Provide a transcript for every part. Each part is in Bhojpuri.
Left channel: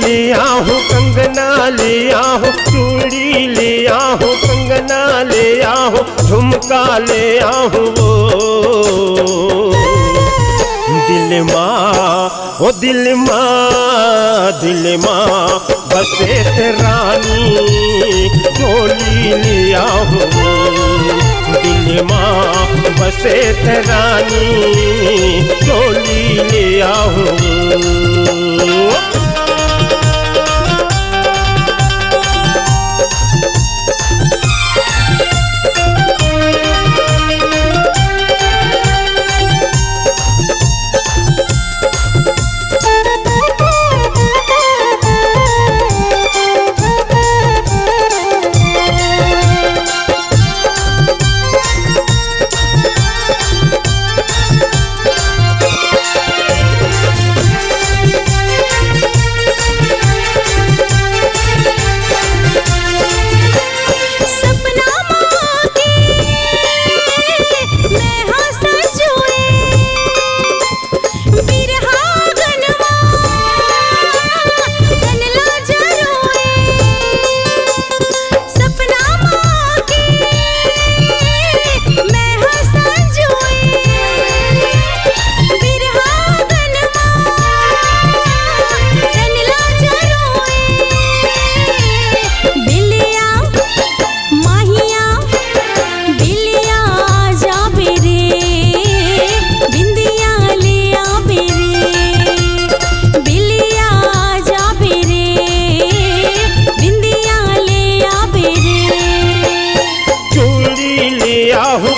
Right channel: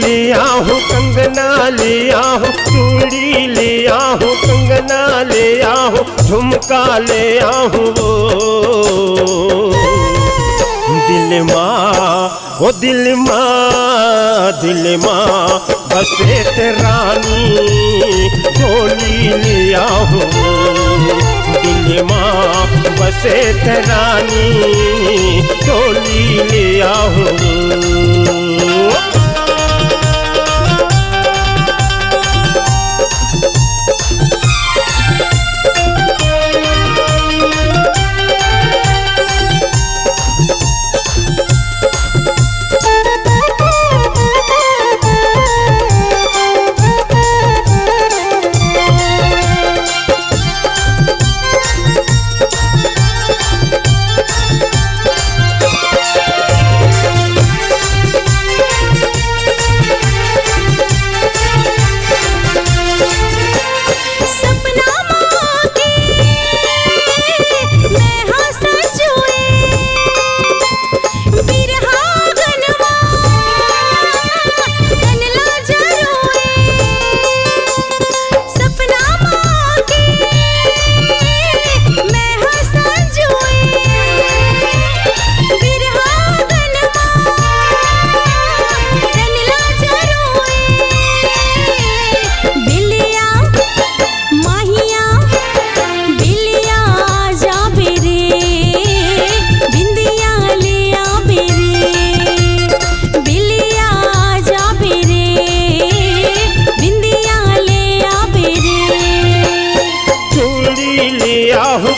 ले आहूँ कंगना ले आहूँ, चूड़ी ले आहूँ कंगना ले आहूँ, झुमका ले आहूँ वो दिल माँ, ओ दिल माँ, दिल माँ बसे तेरानी डोली ले आहूँ, दिल माँ बसे तेरानी डोली ले आहूँ।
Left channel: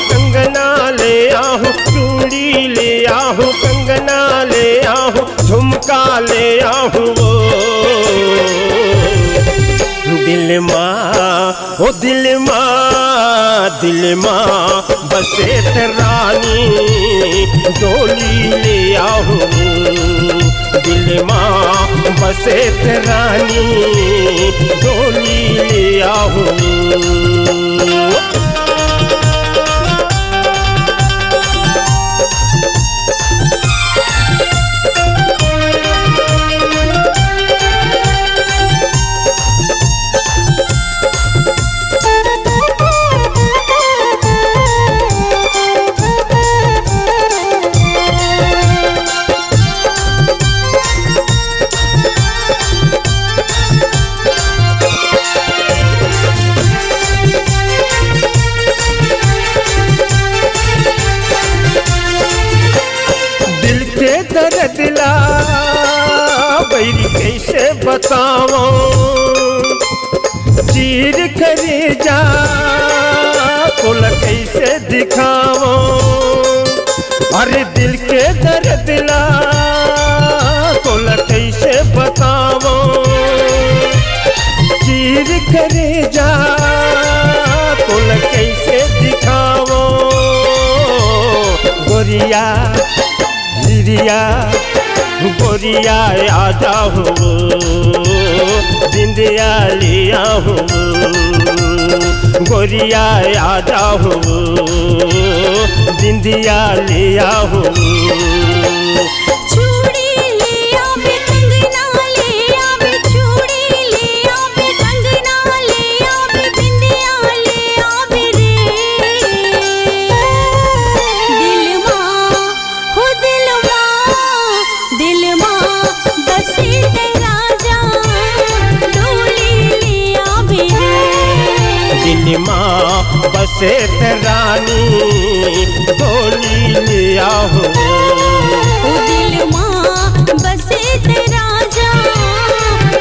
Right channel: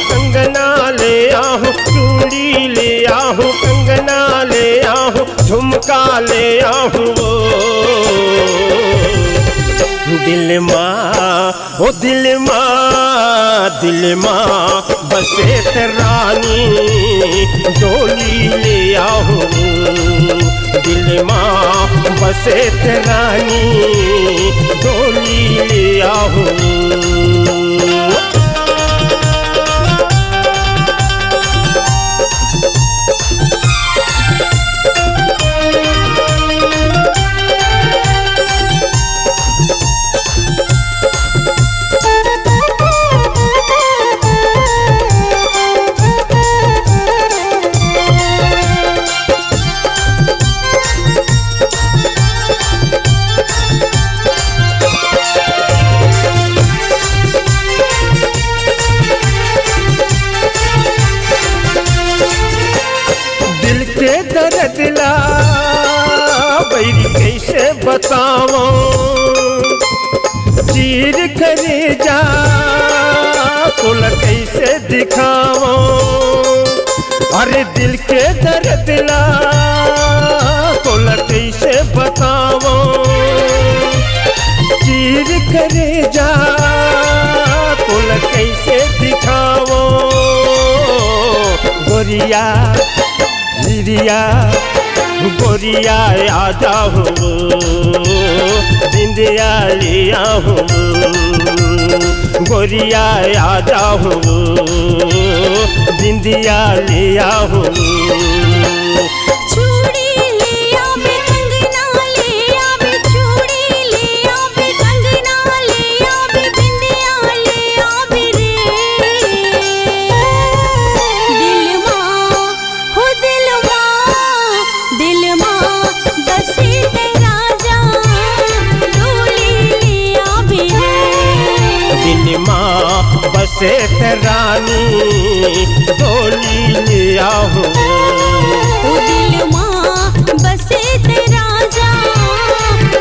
कंगना ले आहूँ, चूड़ी ले आहूँ कंगना ले आहूँ, झुमका ले आहूँ वो दिल माँ, ओ दिल माँ, दिल माँ बसे तेरानी डोली ले आहूँ, दिल माँ बसे तेरानी डोली ले आहूँ। दिल के दर्द ला बैरी कैसे बताओ, चीर करे जा कुल कैसे दिखाओ, अरे दिल के दर्द ला कुल कैसे बताओ, चीर करे जा कुल कैसे दिखाओ। गोरिया हिरिया गोरिया आ जाओ, बिंदिया लिया हूँ, गोरिया आ जाओ, बिंदिया लिया हूँ। दिल माँ बसे तेरानी डोली ले आहूँ, दिल माँ बसे तेरा जा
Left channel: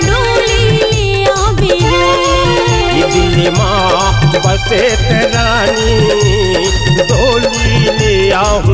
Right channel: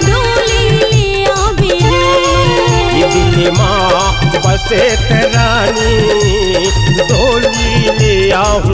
डोली ले आवे रे, दिल माँ बसे तेरानी डोली ले आहूँ।